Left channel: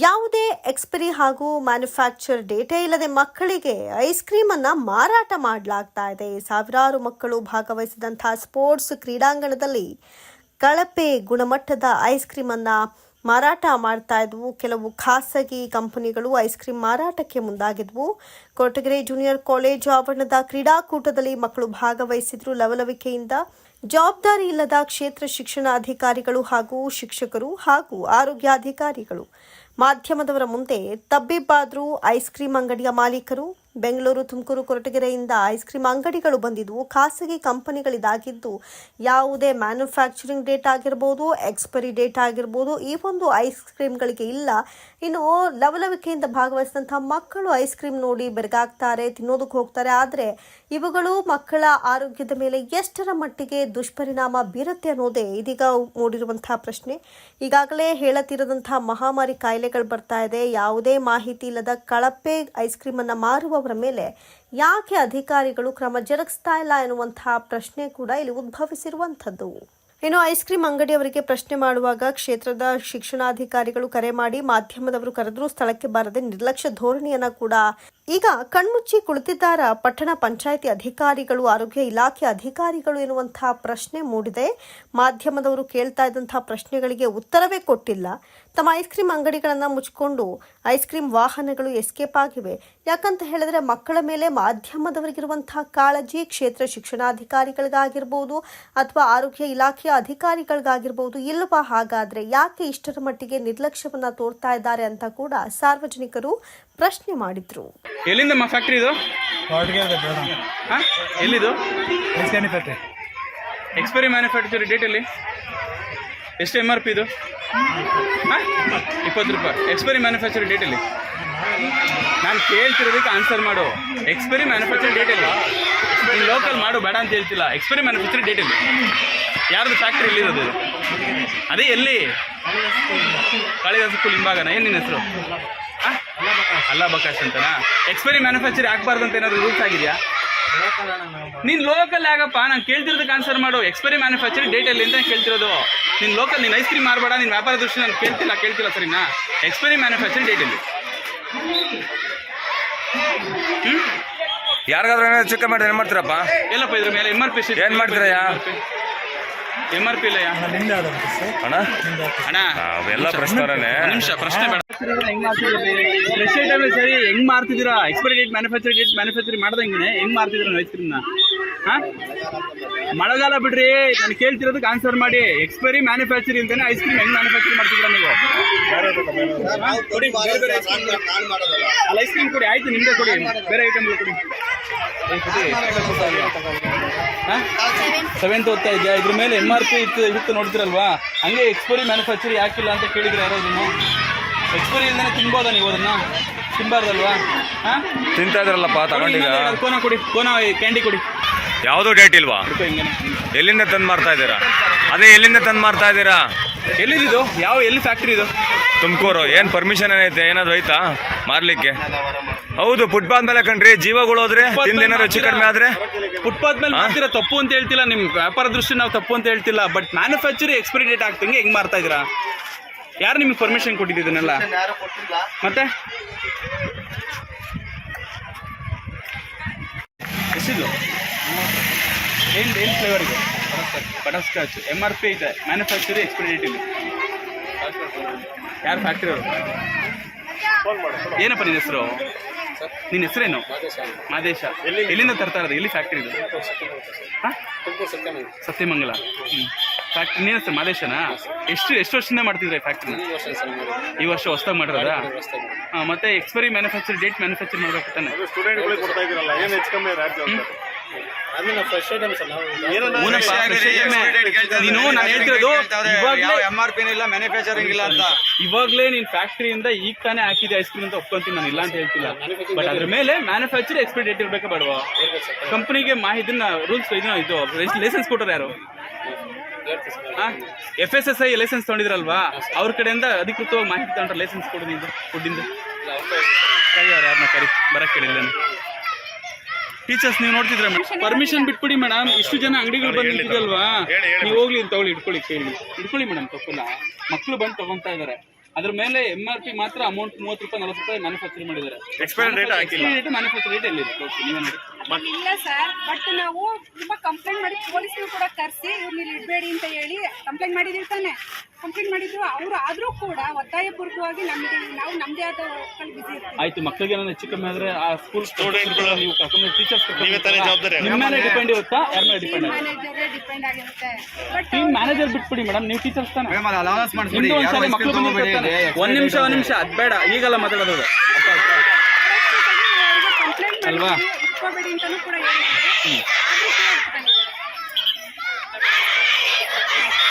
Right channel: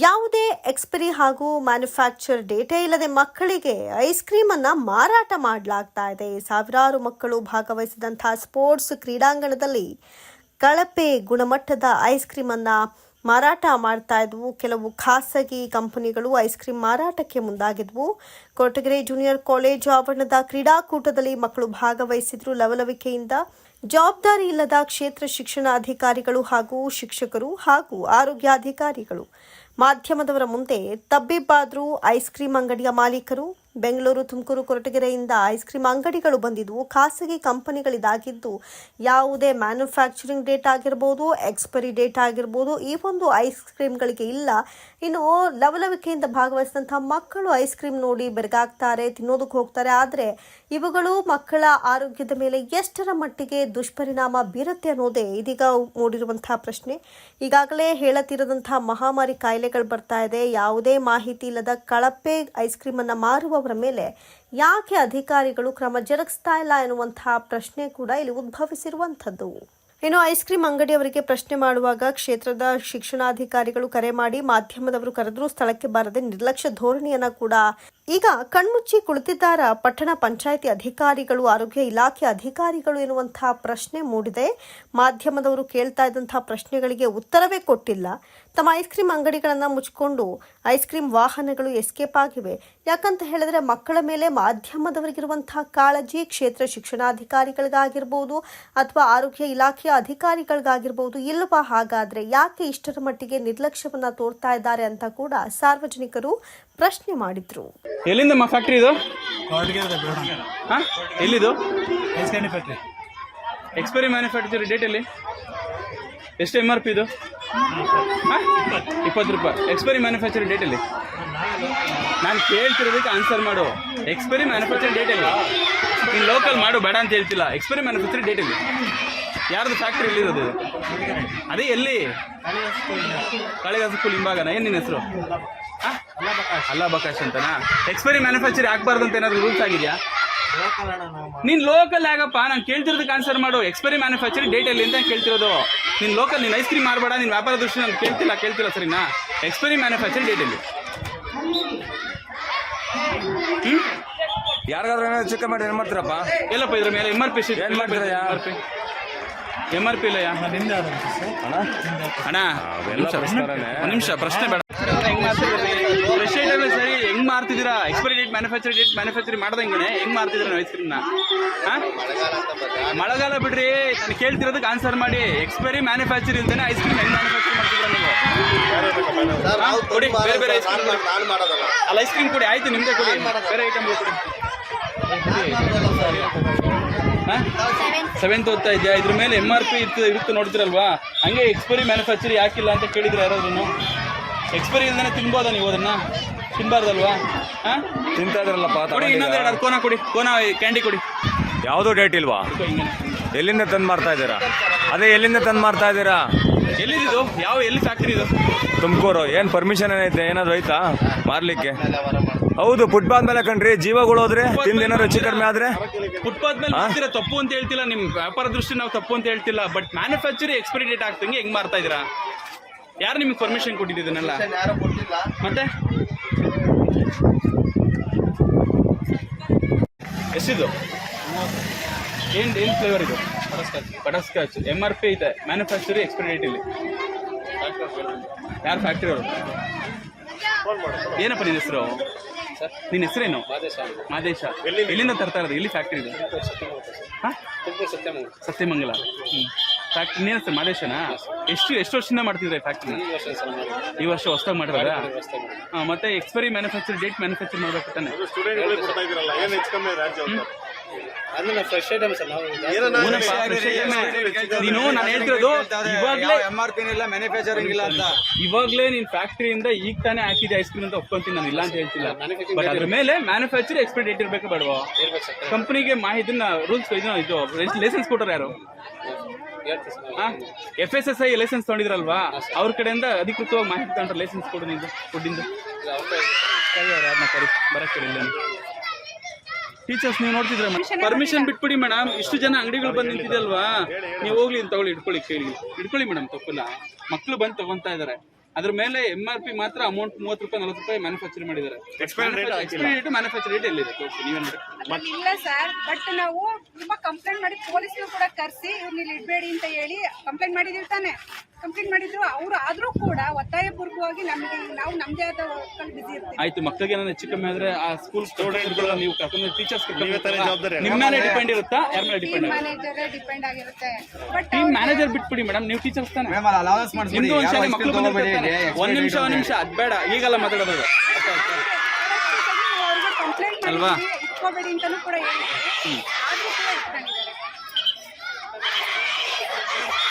ಯಾವುದೇ ಎಕ್ಸ್ಪೈರಿ ಹಾಗೂ manufacture data ಇಲ್ಲದೆ ಮಕ್ಕಳಿಗೆ ಐಸ್ ಕ್ರೀಮ್ ಅನ್ನ ಮಾರಾಟ ಮಾಡಲಾಗ್ತಾ ಇದೆ. ಸಾವಿರಾರು ಮಕ್ಕಳು ಭಾಗವಹಿಸಿದಂತಹ ಸ್ಪೋರ್ಟ್ಸ್ ಕ್ರೀಡಾಂಗಣದಲ್ಲಿ ಕಳಪೆ ಗುಣಮಟ್ಟದ ಐಸ್ ಕ್ರೀಮ್ ಅನ್ನ ಮಾರಾಟ ಮಾಡ್ತಾ ಇದ್ವು. ಕೆಲವು ಖಾಸಗಿ ಕಂಪನಿಗಳು ಐಸ್ ಕ್ರೀಮ್ ಮಾರಾಟಕ್ಕೆ ಮುಂದಾಗಿದ್ವು. ಕೊರಟಗೆರೆ ಜೂನಿಯರ್ ಕಾಲೇಜ್ ಆವರಣದ ಕ್ರೀಡಾಕೂಟದಲ್ಲಿ ಮಕ್ಕಳು ಭಾಗವಹಿಸಿದ್ರು. ಲವಲವಿಕೆಯಿಂದ ಜವಾಬ್ದಾರಿ ಇಲ್ಲದ ಕ್ಷೇತ್ರ ಶಿಕ್ಷಣ ಅಧಿಕಾರಿಗಳು ಹಾಗೂ ಶಿಕ್ಷಕರು ಹಾಗೂ ಆರೋಗ್ಯಾಧಿಕಾರಿಗಳು ಮಾಧ್ಯಮದವರ ಮುಂದೆ ತಬ್ಬಿಬ್ಬಾದ್ರು ಐಸ್ ಕ್ರೀಮ್ ಅಂಗಡಿಯ ಮಾಲೀಕರು, ಬೆಂಗಳೂರು ತುಮಕೂರು ಕೊರಟಗೆರೆಯಿಂದ ಐಸ್ ಕ್ರೀಮ್ ಅಂಗಡಿಗಳು ಬಂದಿದ್ದು, ಖಾಸಗಿ ಕಂಪನಿಗಳಿದಾಗಿದ್ದು ಯಾವುದೇ ಮ್ಯಾನುಫ್ಯಾಕ್ಚರಿಂಗ್ ಡೇಟ್ ಆಗಿರ್ಬೋದು, ಎಕ್ಸ್ಪೈರಿ ಡೇಟ್ ಆಗಿರ್ಬೋದು, ಈ ಒಂದು ಐಸ್ ಕ್ರೀಮ್ಗಳಿಗೆ ಇಲ್ಲ. ಇನ್ನು ಲವಲವಿಕೆಯಿಂದ ಭಾಗವಹಿಸಿದಂಥ ಮಕ್ಕಳು ಐಸ್ ಕ್ರೀಮ್ ನೋಡಿ ಬೆರಗಾಗ್ತಾರೆ, ತಿನ್ನೋದಕ್ಕೆ ಹೋಗ್ತಾರೆ. ಆದರೆ ಇವುಗಳು ಮಕ್ಕಳ ಆರೋಗ್ಯದ ಮೇಲೆ ಎಷ್ಟರ ಮಟ್ಟಿಗೆ ದುಷ್ಪರಿಣಾಮ ಬೀರುತ್ತೆ ಅನ್ನೋದೇ ಇದೀಗ ಮೂಡಿರುವಂತಹ ಪ್ರಶ್ನೆ. ಈಗಾಗಲೇ ಹೇಳತಿರದಂತಹ ಮಹಾಮಾರಿ ಕಾಯಿಲೆಗಳು ಬರ್ತಾ ಇದೆ. ಯಾವುದೇ ಮಾಹಿತಿ ಇಲ್ಲದ ಕಳಪೆ ಐಸ್ ಕ್ರೀಮ್ ಅನ್ನ ಮಾರುವವರ ಮೇಲೆ ಯಾಕೆ ಅಧಿಕಾರಿಗಳು ಕ್ರಮ ಜರುಗಿಸ್ತಾ ಇಲ್ಲ ಎನ್ನುವಂತಹ ಪ್ರಶ್ನೆ ಕೂಡ ಇಲ್ಲಿ ಉದ್ಭವಿಸಿರುವಂಥದ್ದು. ಇನ್ನು ಐಸ್ ಕ್ರೀಮ್ ಅಂಗಡಿಯವರಿಗೆ ಪ್ರಶ್ನೆ ಮಾಡುವಾಗ ಕ್ಷೇತ್ರದ ಶಿಕ್ಷಣಾಧಿಕಾರಿಗಳು ಕರೆ ಮಾಡಿ ಮಾಧ್ಯಮದವರು ಕರೆದರೂ ಸ್ಥಳಕ್ಕೆ ಬಾರದೆ ನಿರ್ಲಕ್ಷ್ಯ ಧೋರಣೆಯನ್ನ ಕೂಡ ಈಗ ಕಣ್ಮುಚ್ಚಿ ಕುಳಿತಿದ್ದಾರ ಪಟ್ಟಣ ಪಂಚಾಯಿತಿ ಅಧಿಕಾರಿಗಳು, ಆರೋಗ್ಯ ಇಲಾಖೆ ಅಧಿಕಾರಿಗಳು ಎನ್ನುವಂತಹ ಪ್ರಶ್ನೆ ಮೂಡಿದೆ. ಮಾಧ್ಯಮದವರು ಕೇಳ್ತಾ ಇದ್ದಂತಹ ಪ್ರಶ್ನೆಗಳಿಗೆ ಉತ್ತರವೇ ಕೊಟ್ಟಿಲ್ಲ. ತಮ್ಮ ಐಸ್ ಕ್ರೀಮ್ ಅಂಗಡಿಗಳನ್ನ ಮುಚ್ಚಿಕೊಂಡು ಐಸ್ ಕ್ರೀಮ್ ವಾಹನಗಳು ಎಸ್ಕೇಪ್ ಆಗಿವೆ. ಯಾಕಂತ ಹೇಳಿದ್ರೆ ಮಕ್ಕಳ ಮೇಲೆ ಮಾಧ್ಯಮದವರಿಗಿರುವಂತಹ ಕಾಳಜಿ ಕ್ಷೇತ್ರ ಶಿಕ್ಷಣಾಧಿಕಾರಿಗಳಿಗಾಗಿರ್ಬೋದು ಅಥವಾ ಆರೋಗ್ಯ ಇಲಾಖೆಯ ಅಧಿಕಾರಿಗಳಿಗಾಗಿರ್ಬೋದು ಇಲ್ಲವಾ ಹಾಗಾದ್ರೆ ಯಾಕೆ ಇಷ್ಟರ ಮಟ್ಟಿಗೆ ನಿರ್ಲಕ್ಷ್ಯವನ್ನ ತೋರ್ತಾ ಇದ್ದಾರೆ ಅಂತ ಕೂಡ ಸಾರ್ವಜನಿಕರು ಪ್ರಶ್ನೆ ಮಾಡಿದ್ರು. ಎಲ್ಲಿಂದಮ್ಮ ಫ್ಯಾಕ್ಟ್ರಿ ಇದು? ಹಾಂ? ಎಲ್ಲಿದು? ಎಕ್ಸ್ಪೈರಿ ಮ್ಯಾನುಫ್ಯಾಕ್ಚರ್ ಡೇಟಲ್ಲಿ ಎಷ್ಟು ಎಂ ಆರ್ ಪಿ ಇದು? ಹಾಂ? ಇಪ್ಪತ್ತು ರೂಪಾಯಿ. ಎಕ್ಸ್ಪೈರಿ ಮ್ಯಾನುಫ್ಯಾಕ್ಚರ್ ಡೇಟಲ್ಲಿ ನಾನು ಕೇಳ್ತಿರೋದಕ್ಕೆ ಆನ್ಸರ್ ಮಾಡು. ಎಕ್ಸ್ಪೈರಿ ಮ್ಯಾನುಫ್ಯಾಕ್ಚರ್ ಡೇಟಲ್ಲಿ ನೀನು ಲೋಕಲ್ ಮಾಡು ಬೇಡ ಅಂತ ಹೇಳ್ತಿಲ್ಲ. ಎಕ್ಸ್ಪೈರಿ ಮ್ಯಾನುಫ್ಯಾಕ್ಚರ್ ಡೇಟಲ್ಲಿ ಯಾರ್ದು ಫ್ಯಾಕ್ಟ್ರಿ ಎಲ್ಲಿರೋದು ಅದೇ ಎಲ್ಲಿ? ಕಾಳಿದಾಸ ಸ್ಕೂಲ್ ಹಿಂಭಾಗನ? ಏನು ನಿನ್ನ ಹೆಸರು? ಅಲ್ಲ ಬಕಾಶ್ ಅಂತನಾ? ಎಕ್ಸ್ಪೈರಿ ಮ್ಯಾನುಫ್ಯಾಕ್ಚರ್ ಆಗಬಾರ್ದು ಅಂತ ಏನಾದ್ರು ರೂಲ್ಸ್ ಆಗಿದೆಯಾ? ನೀನ್ ಲೋಕಲ್ ಆಗಪ್ಪ ನಾನು ಕೇಳ್ತಿರೋದಕ್ಕೆ ಆನ್ಸರ್ ಮಾಡು. ಎಕ್ಸ್ಪೈರಿ ಮ್ಯಾನುಫ್ಯಾಕ್ಚರ್ ಡೇಟ್ ಎಲ್ಲಿ ಅಂತ ಕೇಳ್ತಿರೋದು. ನೀನು ಲೋಕಲ್ ನೀನು ಐಸ್ ಕ್ರೀಮ್ ಮಾರಬೇಡ ನಿನ್ ವ್ಯಾಪಾರ ದೃಷ್ಟಿ ನಾನು ಕೇಳ್ತಿಲ್ಲ ಕೇಳ್ತಿಲ್ಲ ಸರಿನಾ? ಎಕ್ಸ್ಪೈರಿ ಮ್ಯಾನುಫ್ಯಾಕ್ಚರ್ ಡೇಟ್ ಎಲ್ಲಿ ಯಾರಿಗಾದ್ರೂ ಏನಾದ್ರು ಚಿಕ್ಕ ಮಾಡಿ ಏನು ಮಾಡ್ತೀರಪ್ಪ? ಎಲ್ಲಪ್ಪ ಇದ್ರ ಮೇಲೆ ಎಂ ಆರ್ ಪಿ ಏನ್ ಮಾಡ್ತೀರಯ್ಯ? ಎಂ ಆರ್ ಪಿ ಇಲ್ಲ ಅಣ್ಣ? ಅಣ್ಣ. ಅವೆಲ್ಲ ಪ್ರಶ್ನೆ ನಿಮಿಷ ಪ್ರಶ್ನೆ ಬೇಡ. ಐಟಮ್ ಸರಿ ಹೆಂಗ್ ಮಾರ್ತಿದ್ದೀರಾ? Expiry date manufacture date manufacture ಮಾಡ್ದಂಗೆ ಹೆಂಗ್ ಮಾರ್ತಿದ್ದೀರಾ ನೀವು ಐಸ್ ಕ್ರೀಮ್ನ ಮಳೆಗಾಲ ಬಿಡ್ರಿ ನಾನು ಕೇಳ್ತಿರೋದಕ್ಕೆ ಆನ್ಸರ್ ಮಾಡಿ. ಎಕ್ಸ್ಪೈರಿ ಮ್ಯಾನುಫ್ಯಾಕ್ಚರ್ ಇಲ್ದೇನೆ ಐಸ್ ಕ್ರೀಮ್ ಹೆಂಗ್ ಮ್ಯಾನುಫ್ಯಾಕ್ಚರ್ ಮಾಡ್ತಿದ್ದೀರಾ ನೀವು? ಕೊಡಿ ಬೇರೆ ಬೇರೆ ಐಸ್ ಕ್ರೀಮ್ ಅಲ್ಲ ಐಸ್ ಕ್ರೀಮ್ ಕೊಡಿ ಆಯ್ತು ನಿಮ್ದೇ ಕೊಡಿ. ಬೇರೆ ಐಟಮ್ ಕೊಡಿ. ಕೊಡಿ ಹಾಂ? ಸೆವೆಂತ್ ಓದ್ತಾ ಇದೆಯಾ? ಇದ್ರ ಮೇಲೆ ಎಂ ಆರ್ ಪಿ ಇತ್ತು ಇರುತ್ತೆ ನೋಡ್ತಿರಲ್ವಾ? ಹಂಗೆ ಎಕ್ಸ್ಪೈರಿ ಮ್ಯಾನುಫ್ಯಾಕ್ಚರ್ ಯಾಕಿಲ್ಲ ಅಂತ ಕೇಳಿದ್ರೆ ಯಾರಾದ್ರೂ ಎಕ್ಸ್ಪೈರಿ ಇಲ್ದೇ ತಿನ್ಬೋದಾ ನೀವು ಅದನ್ನು? ತಿನ್ಬಾರ್ದಲ್ವಾ? ಹಾಂ? ತಿಂತಾ ಇದ್ರಲ್ಲಪ್ಪ ಕೋನ ಕೊಡಿ ಕೋನ ಕ್ಯಾಂಡಿ ಕೊಡಿ. ಯಾವುದೋ ಡೇಟ್ ಇಲ್ವಾ. ಎಲ್ಲಿಂದ ತಂದು ಮಾರ್ತಾ ಇದ್ದೀರಾ? ಅದೇ ಎಲ್ಲಿಂದ ತಂದು ಮಾರ್ತಾ ಇದ್ದೀರಾ? ಎಲ್ಲಿದು ಯಾವ ಎಲ್ಲಿ ಫ್ಯಾಕ್ಟ್ರಿ ಇದು? ತುಮಕೂರು. ಏನು ಪರ್ಮಿಷನ್ ಏನೈತೆ ಏನಾದರೂ ಐತಾ ಮಾರ್ಲಿಕ್ಕೆ? ಹೌದು ಫುಟ್ಪಾತ್ ಮೇಲೆ ಕಣ್ರಿ. ಜೀವಗಳು ಹೋದ್ರೆ ತಿಂದೇನಾದ್ರು ಹೆಚ್ಚು ಕಡಿಮೆ ಆದ್ರೆ? ಫುಟ್ಪಾತ್ ಮೇಲೆ ಮಾಡ್ತೀರಾ ತಪ್ಪು ಅಂತ ಹೇಳ್ತಿಲ್ಲ ನಿಮ್ ವ್ಯಾಪಾರ ದೃಷ್ಟಿ ನಾವು ತಪ್ಪು ಅಂತ ಹೇಳ್ತಿಲ್ಲ ಬಟ್ ಮ್ಯಾನುಫ್ಯಾಕ್ಚರ್ ಎಕ್ಸ್ಪೈರಿ ಡೇಟ್ ಆಗ್ತಂಗೆ ಹೆಂಗ್ ಮಾಡ್ತಾ ಇದೀರಾ ಯಾರು ನಿಮ್ಗೆ ಪರ್ಮಿಷನ್ ಕೊಟ್ಟಿದ್ದೀನಲ್ಲ ಮತ್ತೆ? ಎಷ್ಟಿದು? ಏನು ಏನು ಫ್ಲೇವರ್ ಇದು? ಬಟರ್ಸ್ಕಾಚ್ ಎಂ ಆರ್ ಪಿ ಇದೆ ಮ್ಯಾನುಫ್ಯಾಕ್ಚರಿ ಎಕ್ಸ್ಪೈರಿ ಡೇಟ್ ಇಲ್ಲಿ. ಯಾರು ಫ್ಯಾಕ್ಟ್ರಿ ಅವರು? ಏನಪ್ಪ ನಿನ್ನ ಹೆಸರು? ನಿನ್ನ ಹೆಸರೇನು? ಮಾದೇಶ ಎಲ್ಲಿಂದ ತರ್ತಾ ಇರೋದು? ಎಲ್ಲಿ ಫ್ಯಾಕ್ಟ್ರಿ ಇದು? ಹಾಂ? ಸತ್ಯಮಂಗಲ. ಹ್ಞೂ ಫ್ಯಾಕ್ಟ್ರಿ ನೀನು ಸರ್ ಮಾದೇಶನಾ? ಎಷ್ಟು ಎಷ್ಟು ವರ್ಷದಿಂದ ಮಾಡ್ತಿದ್ರೆ ಫ್ಯಾಕ್ಟ್ರಿನ ಈ ವರ್ಷ ಹೊಸ್ದಾಗಿ ಮಾಡಿರೋದಾ? ಹಾಂ ಮತ್ತೆ ಎಕ್ಸ್ಪೈರಿ ಮ್ಯಾನುಫ್ಯಾಕ್ಚರ್ ಡೇಟ್ ಮ್ಯಾನುಫ್ಯಾಕ್ಚರ್ ಮಾಡಬೇಕು ತಾನೆ ಫ್ರೆಶ್ ಐಟಮ್ಸ್. ನೀನು ನಾನು ಹೇಳ್ತಿರೋದು ಇವಾಗಲೇ ಎಂ ಆರ್ ಪಿ ಇಲ್ಲ ಮ್ಯಾನುಫ್ಯಾಕ್ಚರಿಂಗ್ ಇಲ್ಲ ಅಂತ. ಇವಾಗಲೇ ನೀನ್ ಫ್ಯಾಕ್ಟ್ರಿಯಿಂದ ಈಗ ತಾನೇ ಹಾಕಿದ ಐಸ್ ಕ್ರೀಮ್ ಅಂತ ಒಪ್ಕೊಂತೀನಿ ನಾನು ಇಲ್ಲ ಅಂತ ಹೇಳ್ತಿಲ್ಲ. ಬಟ್ ಅದ್ರ ಮೇಲೆ ಮ್ಯಾನುಫ್ಯಾಕ್ಚರ್ ಎಕ್ಸ್ಪೈರಿ ಡೇಟ್ ಇರಬೇಕು ಬೇಡವಾ? ಕಂಪ್ನಿಗೆ ಮಾಹಿತಿನ ರೂಲ್ಸ್ ಇದನ್ನ ಇದು ಲೈಸೆನ್ಸ್ ಕೊಟ್ಟರು ಯಾರು? F S S I licence ತೊಗೊಂಡಿದ್ರಲ್ವಾ? ಅವ್ರ ಕಡೆಯಿಂದ ಅಧಿಕೃತವಾಗಿ ಮಾಹಿತಿ ತಗೊಂಡ್ರೆ ಲೈಸೆನ್ಸ್ ಕೊಡು ನಿಂದು ಫುಡ್ಡಿಂದು ಕರಿ ಅವ್ರು ಯಾರನ್ನ ಕರಿ ಬರಕ್ಕೆ ಕೇಳಿಲ್ಲ ಟೀಚರ್ಸ್ ನೀವು ನೋಡ್ತಿದ್ರೆ ಪರ್ಮಿಷನ್ ಬಿಟ್ಬಿಡಿ ಮೇಡಮ್ ಇಷ್ಟು ಜನ ಅಂಗಡಿಗಳು ಬಂದು ನಿಂತಿದಲ್ವಾ ನೀವು ಹೋಗ್ಲಿ ಅಂತ ತಗೊಳ್ಳಿ ಇಟ್ಕೊಳ್ಳಿ ಕೇಳಿ. ಇಟ್ಕೊಳ್ಳಿ ಮೇಡಮ್ ತಪ್ಪಿಲ್ಲ. ಮಕ್ಕಳು ಬಂದು ತಗೊಂತಾ ಇದಾರೆ. ಅದ್ರ ಮೇಲೆ ಎಂ ಆರ್ ಪಿ ಮಾತ್ರ ಅಮೌಂಟ್ ಮೂವತ್ತು ರೂಪಾಯಿ ನಲವತ್ತು ರೂಪಾಯಿ ಮ್ಯಾನುಫ್ಯಾಕ್ಚರ್ ಮಾಡಿದ್ದಾರೆ. ಎಕ್ಸ್ಪೈರಿ ರೇಟ್ ಹಾಕಿಲ್ಲ. ಮ್ಯಾನುಫ್ಯಾಕ್ಚರ್ ಡೇಟ್ ಎಲ್ಲಿದೆ? ತೋರಿಸಿ ನೀವೇ ನೋಡಿ. ಇಲ್ಲ ಸರ್ ಬಟ್ ನಾವು ತುಂಬಾ ಕಂಪ್ಲೇಂಟ್ ಮಾಡಿ ಪೊಲೀಸ್ ಕೂಡ ಕರೆಸಿ ಇವ್ರನ್ನ ಇಲ್ಲಿ ಇಡಬೇಡಿ ಅಂತ ಹೇಳಿ ಕಂಪ್ಲೇಂಟ್ ಮಾಡಿದಿರ್ತಾನೆ ತಾನೆ. ಕಂಪ್ಲೇಂಟ್ ಮಾಡಿದ್ರು. ಅವ್ರು ಆದ್ರೂ ಕೂಡ ಒತ್ತಾಯಪೂರ್ವಕವಾಗಿ ನಮಗೆ ನಾವು ನಮ್ದೇ ಆದ ವರ್ಕಲ್ಲಿ ಬಿಸಿ ಇರ್ತೀವಿ. ಆಯ್ತು ಮಕ್ಕಳಿಗೆ ಏನಾದ್ರು ಹೆಚ್ಚು ಕಮ್ಮಿ ಆದ್ರೆ ಆ ಸ್ಕೂಲ್ ಸ್ಟೂಡೆಂಟ್ಗಳು ನೀವು ಕರ್ಕೊಂಡು ಟೀಚರ್ಸ್ ಜವಾಬ್ದಾರಿ ನಿಮ್ಮ ಮೇಲೆ ಡಿಪೆಂಡ್ ಇರುತ್ತಾ? ಯಾರ ಮೇಲೆ ಟೀಮ್ ಡಿಪೆಂಡ್ ಮ್ಯಾನೇಜರ್ ಡಿಪೆಂಡ್ ಆಗಿರುತ್ತೆ. ಬಟ್ ಟೀಮ್ ಮ್ಯಾನೇಜರ್ ಬಿಟ್ಬಿಡಿ ಮೇಡಮ್ ನೀವು ಟೀಚರ್ಸ್ ತಾನೆ. ಅಲೌನ್ಸ್ ನಿಮ್ದು ಒಂದು ಶಾಲೆ ಮಕ್ಕಳು ಬಂದಿರ್ತಾರೆ ಒಂದು ನಿಮಿಷ ಒಂದು ನಿಮಿಷ ಅದು ಬೇಡ. ಈಗಲ್ಲ ಮಾತಾಡೋದು. ಕಂಪ್ಲೇಂಟ್ ಅಲ್ವಾ? ಮಾಡಿ ಇಟ್ಕೋಬೇಡಿ ಅಂತಲೂ ಕೂಡ ಹೇಳಿದ್ರು